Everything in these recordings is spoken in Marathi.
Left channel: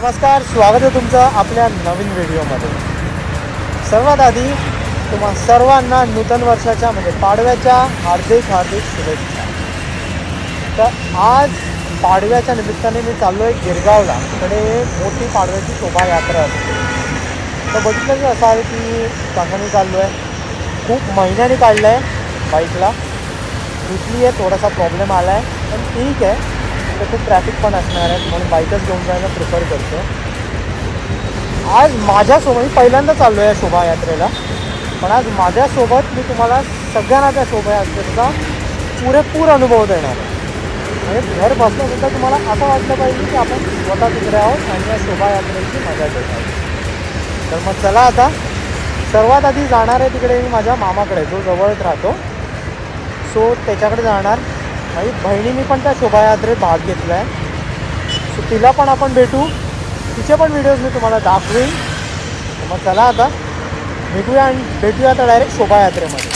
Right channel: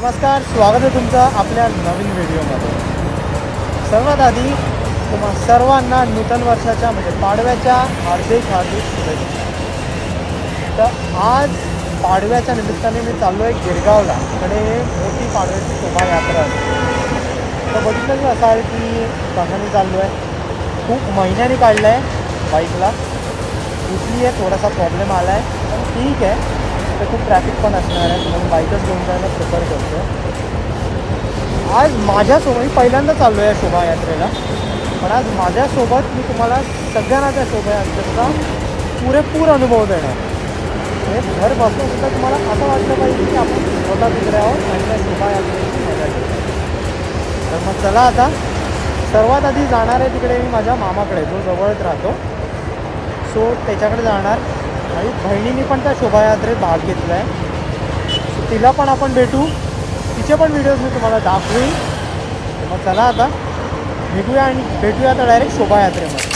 नमस्कार, स्वागत आहे तुमचं आपल्या नवीन व्हिडिओमध्ये। सर्वात आधी तुम्हा सर्वांना नूतन वर्षाच्या म्हणजे पाडव्याच्या हार्दिक शुभेच्छा। तर आज पाडव्याच्या निमित्ताने मी चाललो आहे गिरगावला। इकडे मोठी पाडव्याची शोभायात्रा असते। तर बघितलं की असं आहे की कशाने चाललो आहे, खूप महिन्याने काढलं आहे बाईकला, कुठली आहे थोडासा प्रॉब्लेम आला आहे, पण ठीक आहे। तर खूप ट्रॅफिक पण असणार आहे म्हणून बाईकच घेऊन जायला प्रिफर करतो आहे। आज माझ्यासोबत मी पहिल्यांदा चाललो आहे शोभायात्रेला, पण आज माझ्यासोबत मी तुम्हाला सगळ्यांना त्या शोभायात्रेचा पुरेपूर अनुभव देणार आहे। म्हणजे घर बसल्यानंतर तुम्हाला असं वाटलं पाहिजे की आपण स्वतः तिकडे आहोत आणि या शोभायात्रेची मजा घेत आहोत। तर मग चला, आता सर्वात आधी जाणार आहे तिकडे मी माझ्या मामाकडे, जो जवळच राहतो, सो त्याच्याकडे जाणार। माझी बहिणीने पण त्या शोभायात्रेत भाग घेतला आहे, सो तिला पण आपण भेटू, तिचे पण व्हिडिओज मी तुम्हाला दाखवीन। मग चला आता भेटूया आणि भेटूया आता डायरेक्ट शोभायात्रेमध्ये।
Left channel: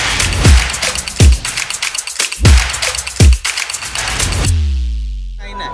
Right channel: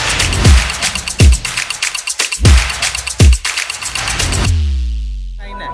काही नाही,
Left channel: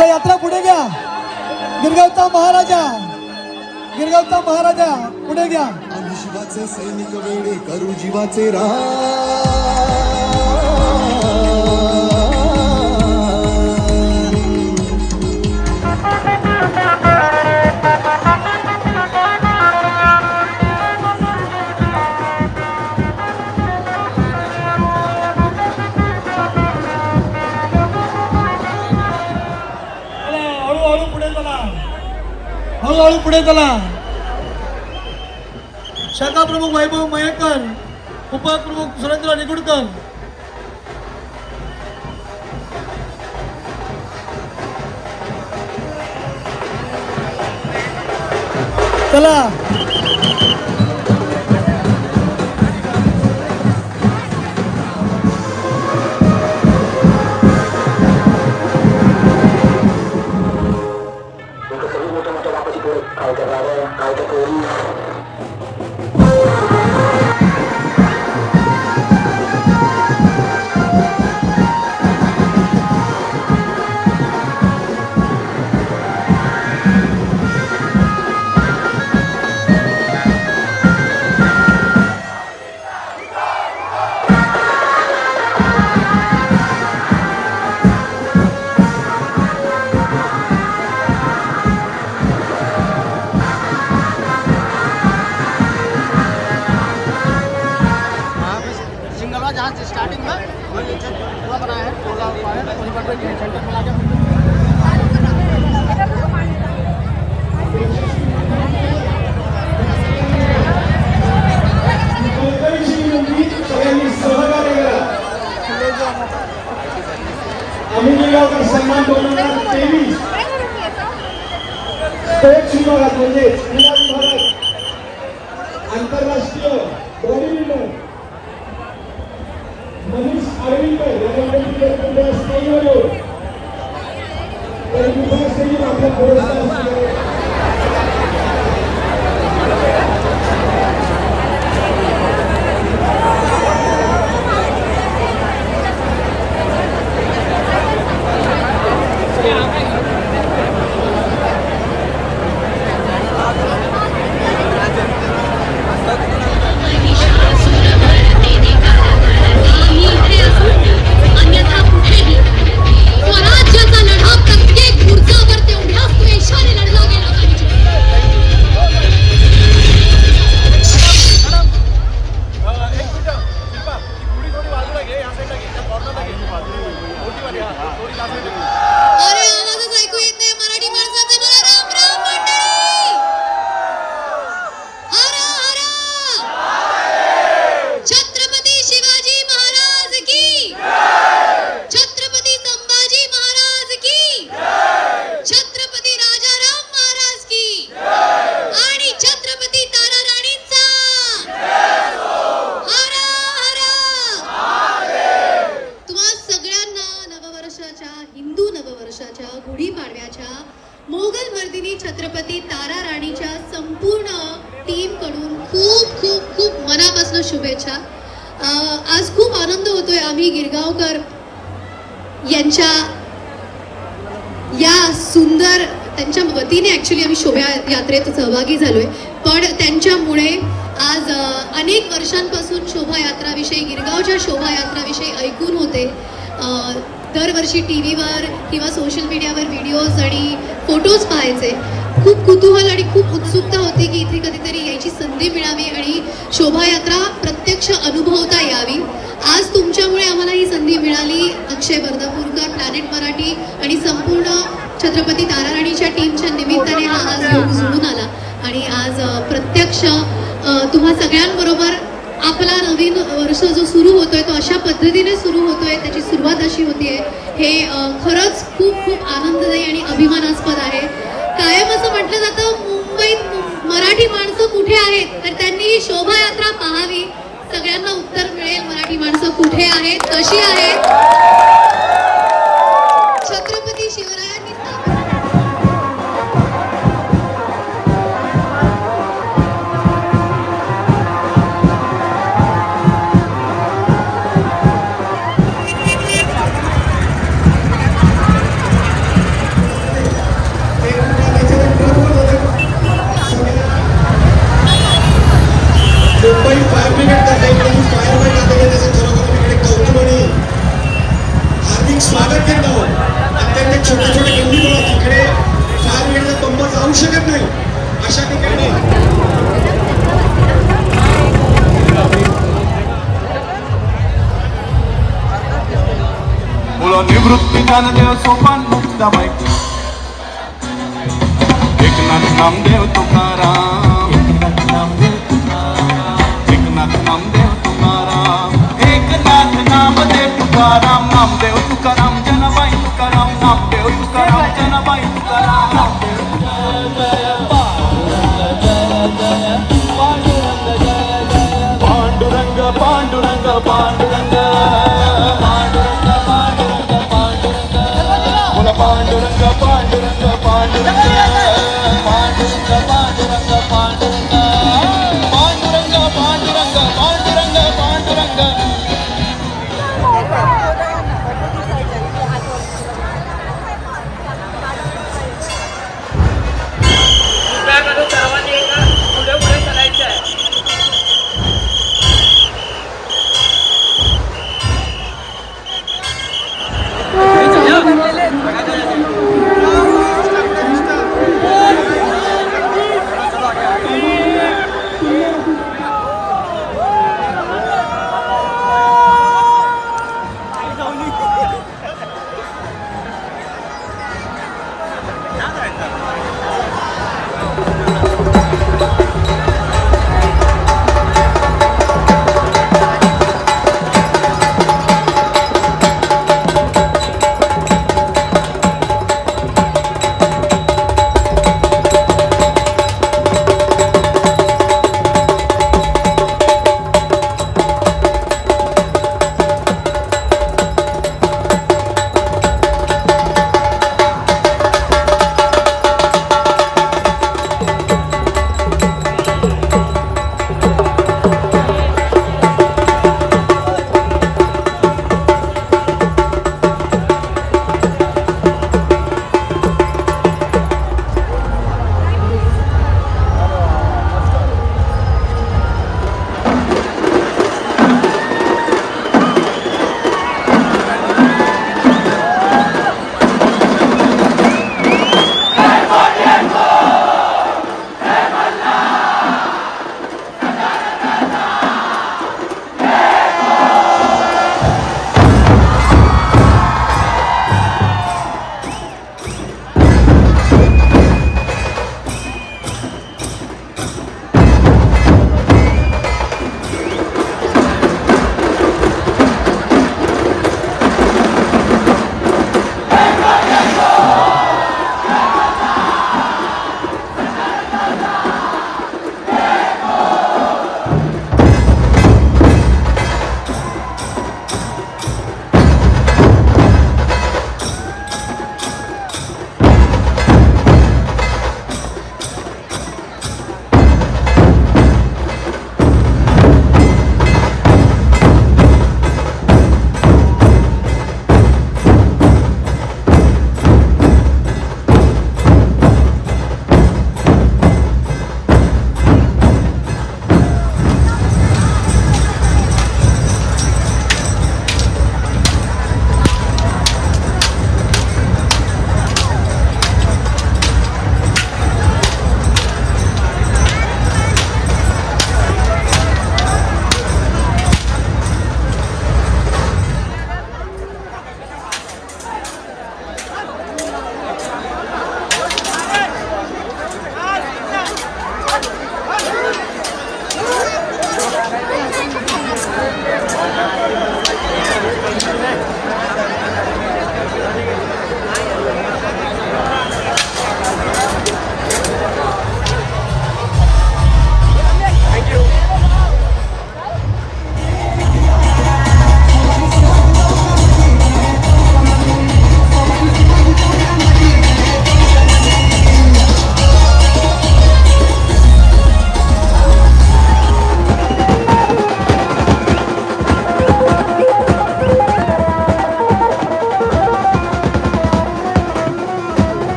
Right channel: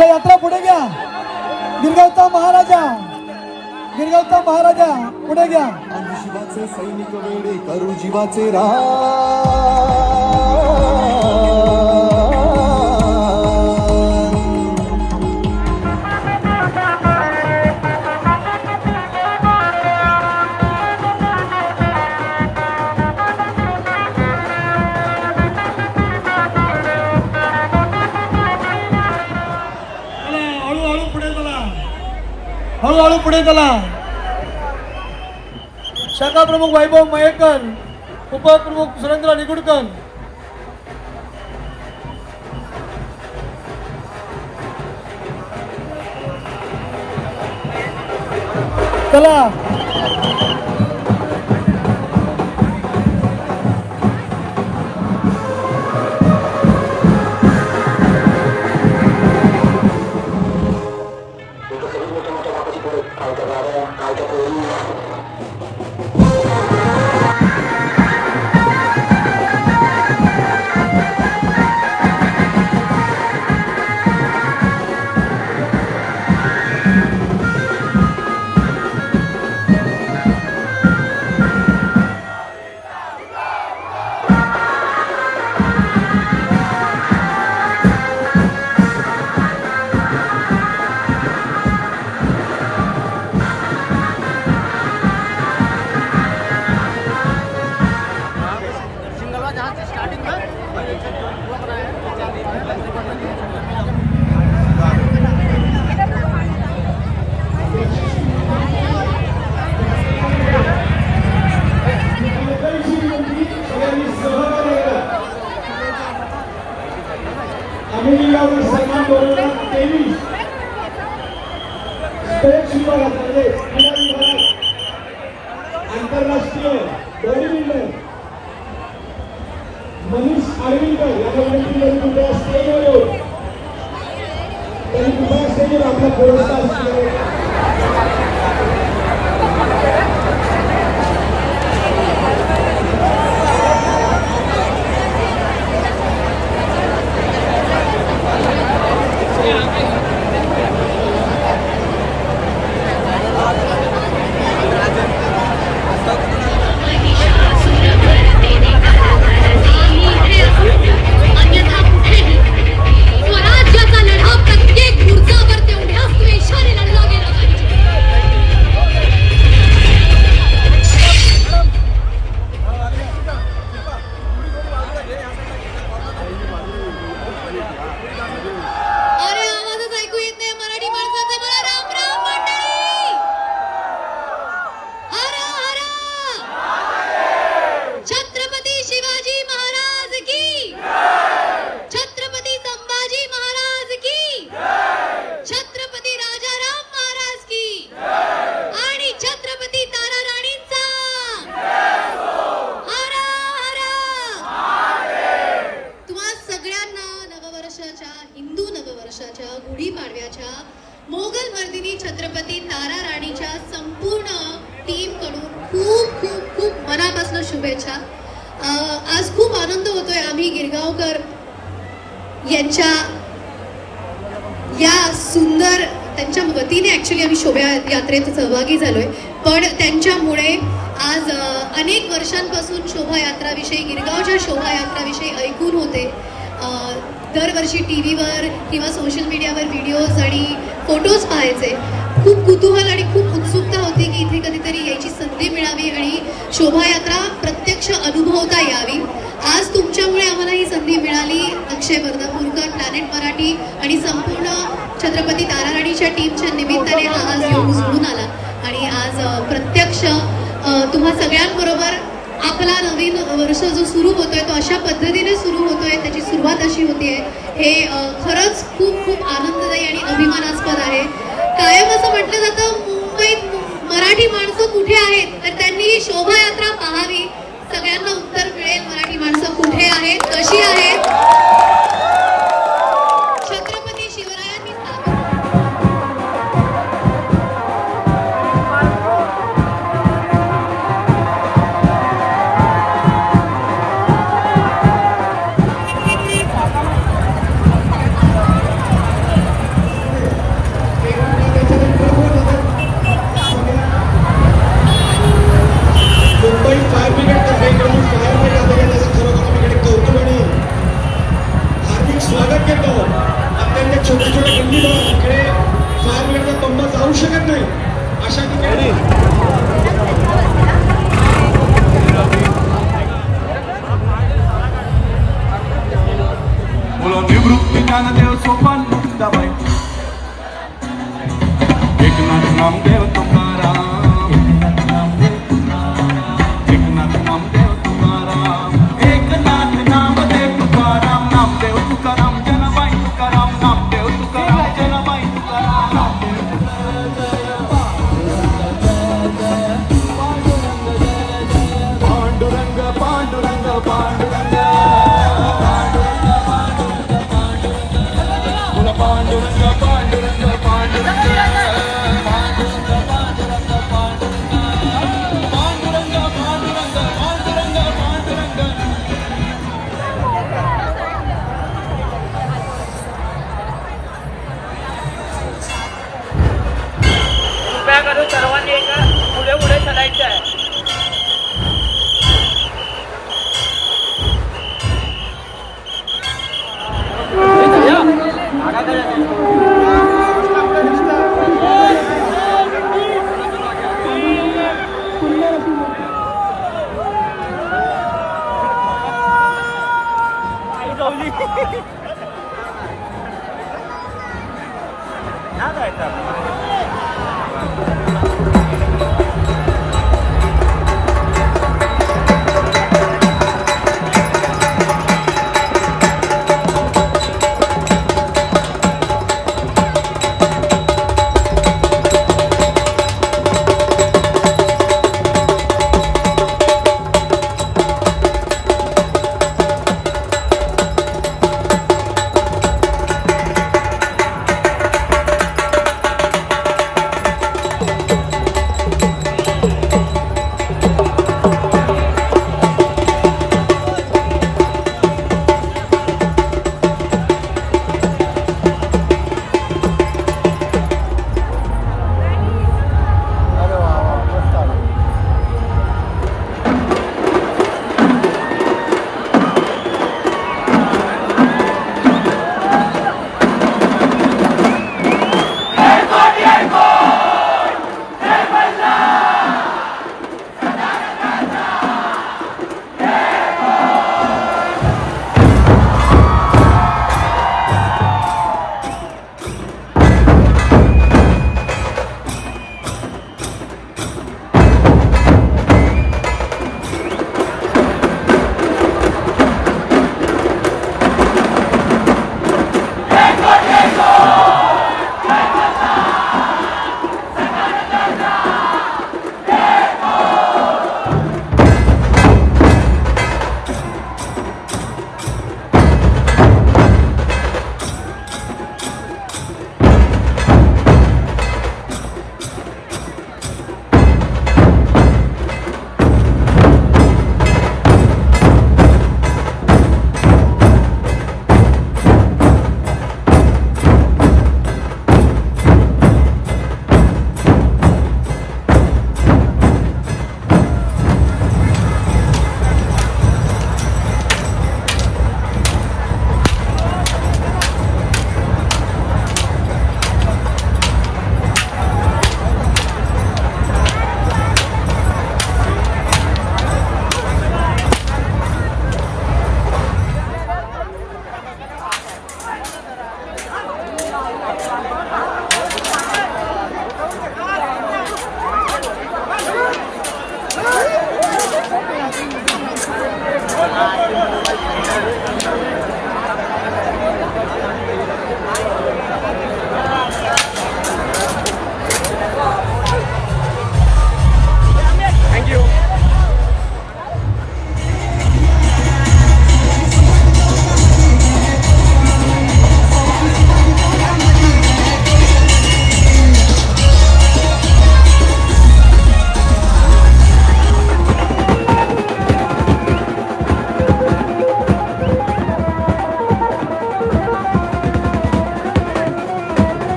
चला यात्रा पुढे घ्या. गिरगावचा महाराजा, गिरगावचा महाराजा पुढे घ्या. आम्ही शिवाचे सैनिक वेडे करू जीवाचे रा. हळूहळू पुढे चला. शाखा प्रमुख वैभव मयेकर, उपप्रमुख सुरेंद्र निगुडकर. चला आंतरराष्ट्रीय बॉडीबिल्डर मनीष आर्वीकर यांना स्टेजवर शुभेच्छा. आज खूप आनंद होतोय. आम्ही गिरगावकर यांच्या या सुंदर त्यांच्या वतीने ऍक्च्युली आम्ही शोभायात्रेत सहभागी झालोय. पण त्यांच्यामुळे आज अनेक वर्षांपासून शोभायात्राविषयी गिरगावच्या शोभायात्राविषयी ऐकून होते. दरवर्षी टीव्हीवर किंवा सोशल मीडियावर व्हिडिओज आणि फोटोज पाहायचे. खूप कुतूहल आणि खूप उत्सुकता होती की इथे कधीतरी यायची संधी मिळावी आणि शोभायात्रा प्रत्यक्ष अनुभवता यावी. आज तुमच्यामुळे आम्हाला ही संधी मिळाली. अक्षय वर्धापूरकर, प्लॅनेट मराठी आणि संपूर्ण छत्रपती ताराराणीच्या टीमच्या निमित्ताने हा आज योग जुळून आला आणि आज प्रत्यक्ष तुम्हा सगळ्यांबरोबर आपला नवीन वर्ष जो सुरू होतोय तो अशा पद्धतीने सुरू होतोय, त्याची सुरुवात अशी होतीये, हे खरंच खूप खूप आनंददायी आणि अभिमानास्पद आहे. कायम असं म्हटलं जातं मुंबईत मराठी माणसं कुठे आहेत, तर त्यांनी शोभायात्रा पाहावी. सगळ्यांना उत्तर मिळेल मराठी माणसं कुठे आहेत, कशी आहेत. छत्रपती शिवरायांनी शकत नाही अशा ठिकाणी निवृत्ती ज्ञानदेव सोपान मुक्ताबाई एकनाथ नामदेव तुकाराम एकनाथ नामदेव तुकाराम एकनाथ नामदेव तुकाराम एकनाथ नामदेव तुकाराम नामदेव तुकाराम जनाबाई तुकाराम नामदेव तुकाराम जनाबाई तुकाराम पांडुरंग पांडुरंग पांडुरंग पांडुरंग पांडुरंग पांडुरंग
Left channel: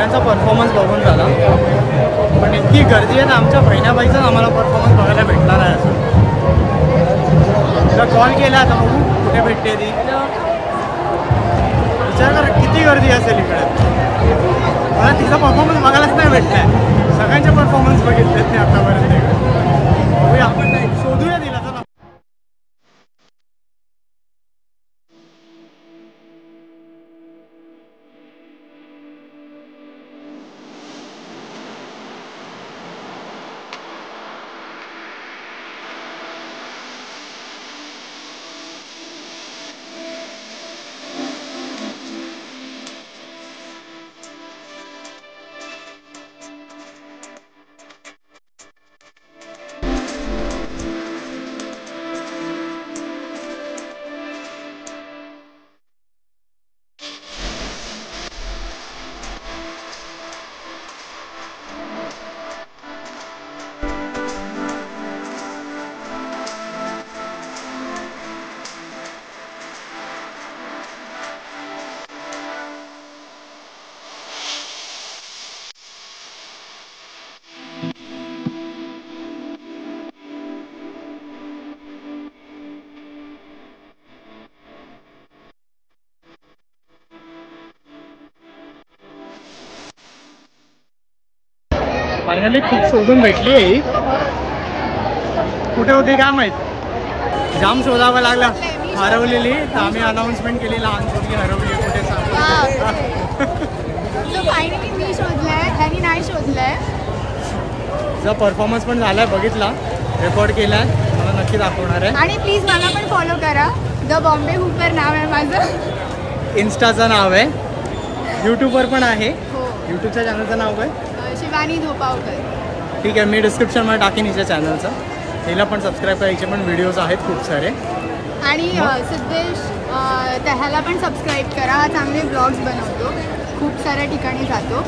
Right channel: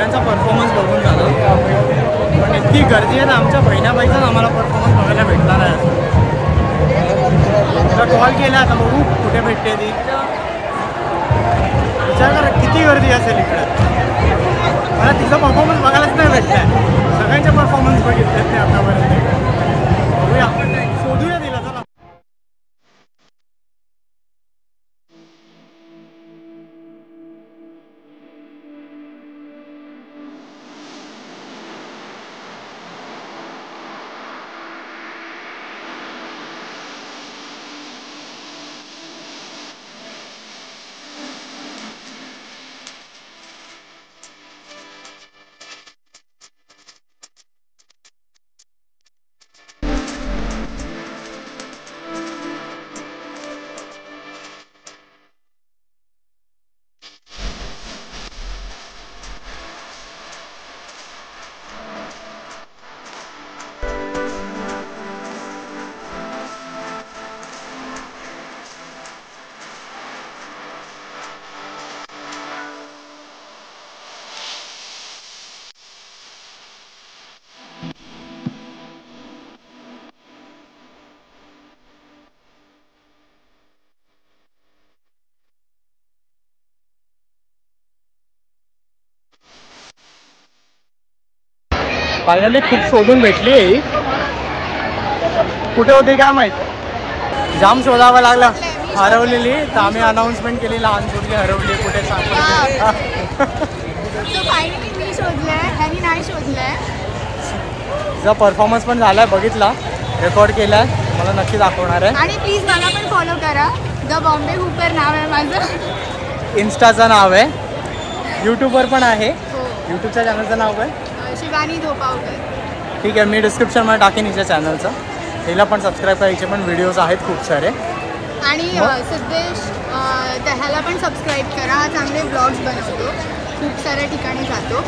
सगळ्यांचा परफॉर्मन्स बघून झाला, पण इतकी गर्दी आहे ना आमच्या बहिणाबाईचाच आम्हाला परफॉर्मन्स बघायला भेटला नाही आता. तिला कॉल केला, आता बघू कुठे भेटते ती. विचार करा किती गर्दी असेल इकडे. मला तिचा परफॉर्मन्स बघायलाच नाही भेटलाय. सगळ्यांचे परफॉर्मन्स बघितलेत मी आतापर्यंत इकडे. बघूया, शोधूया तिला. चला. फायनली खूप शोधून भेटली आहे. कुठे होती काय माहित, जाम शोधावं लागला. हरवलेली तर आम्ही अनाउन्समेंट केली, लहान पोरगी हरवली कुठे सांगू. मी शोधलंय, ह्यांनी नाही शोधलंय. तुझा परफॉर्मन्स पण झालाय, बघितला, रेकॉर्ड केलाय, मला नक्की दाखवणार आहे. आणि प्लीज मला पण फॉलो करा. द बॉम्बे हुपर नाव आहे माझं. इन्स्टाचं नाव आहे, यूट्यूबवर पण आहे. हो, यूट्यूबच्या चॅनलचं नाव आहे शिवानी धोपावकर. ठीक आहे, मी डिस्क्रिप्शनमध्ये टाकेन हिच्या चॅनलचं. हिला पण सबस्क्राईब करायचे, पण व्हिडिओज आहेत खूप सारे. आणि सिद्धेश त्याला पण सबस्क्राईब करा. हा चांगले ब्लॉग्स बनवतो, खूप साऱ्या ठिकाणी जातो.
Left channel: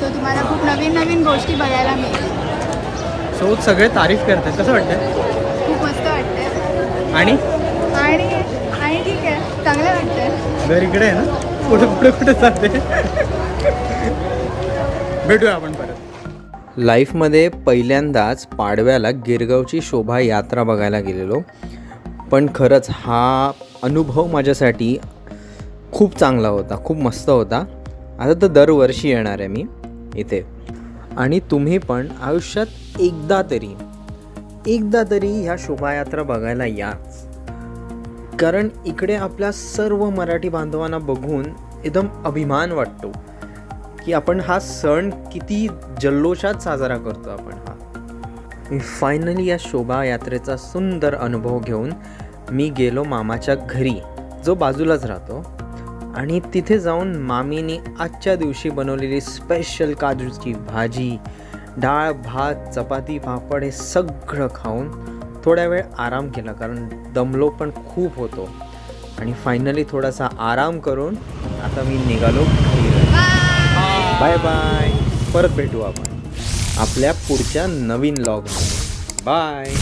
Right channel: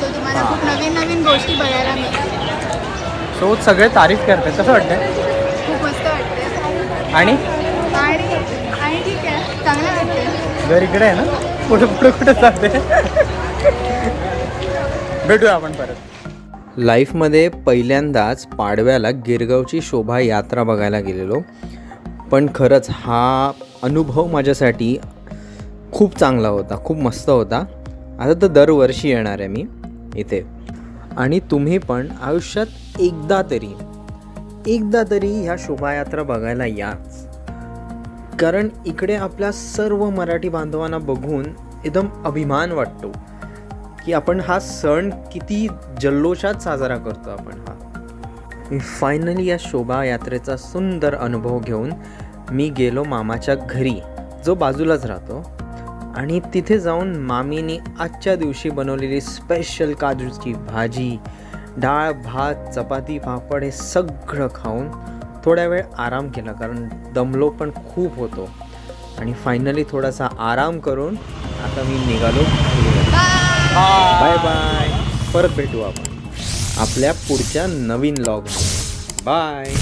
सो तुम्हाला खूप नवीन नवीन गोष्टी बघायला मिळतील. सो सगळे तारीफ करतात, कसं वाटतंय? खूप मस्त वाटतंय. आणि ठीक आहे, चांगलं वाटतंय. घर इकडे आहे ना, कुठे चालते. भेटूया आपण परत. लाईफमध्ये पहिल्यांदाच पाडव्याला गिरगावची शोभायात्रा बघायला गेलेलो, पण खरंच हा अनुभव माझ्यासाठी खूप चांगला होता, खूप मस्त होता. आता तर दरवर्षी येणार आहे मी इथे, आणि तुम्ही पण आयुष्यात एकदा तरी ह्या शोभायात्रा बघायला याच, कारण इकडे आपल्या सर्व मराठी बांधवांना बघून एकदम अभिमान वाटतो की आपण हा सण किती जल्लोषात साजरा करतो आपण हा. फायनली या शोभायात्रेचा सुंदर अनुभव घेऊन मी गेलो मामाच्या घरी, जो बाजूलाच राहतो, आणि तिथे जाऊन मामीने आजच्या दिवशी बनवलेली स्पेशल काजूची भाजी, डाळ, भात, चपाती, पापड हे सगळं खाऊन थोड्या वेळ आराम केला, कारण दमलो पण खूप होतो. आणि फायनली थोडासा आराम करून आता मी निघालो घरी. Bye bye. परत भेटू आपण आपल्या पुढच्या नवीन व्लॉगमध्ये. बाय.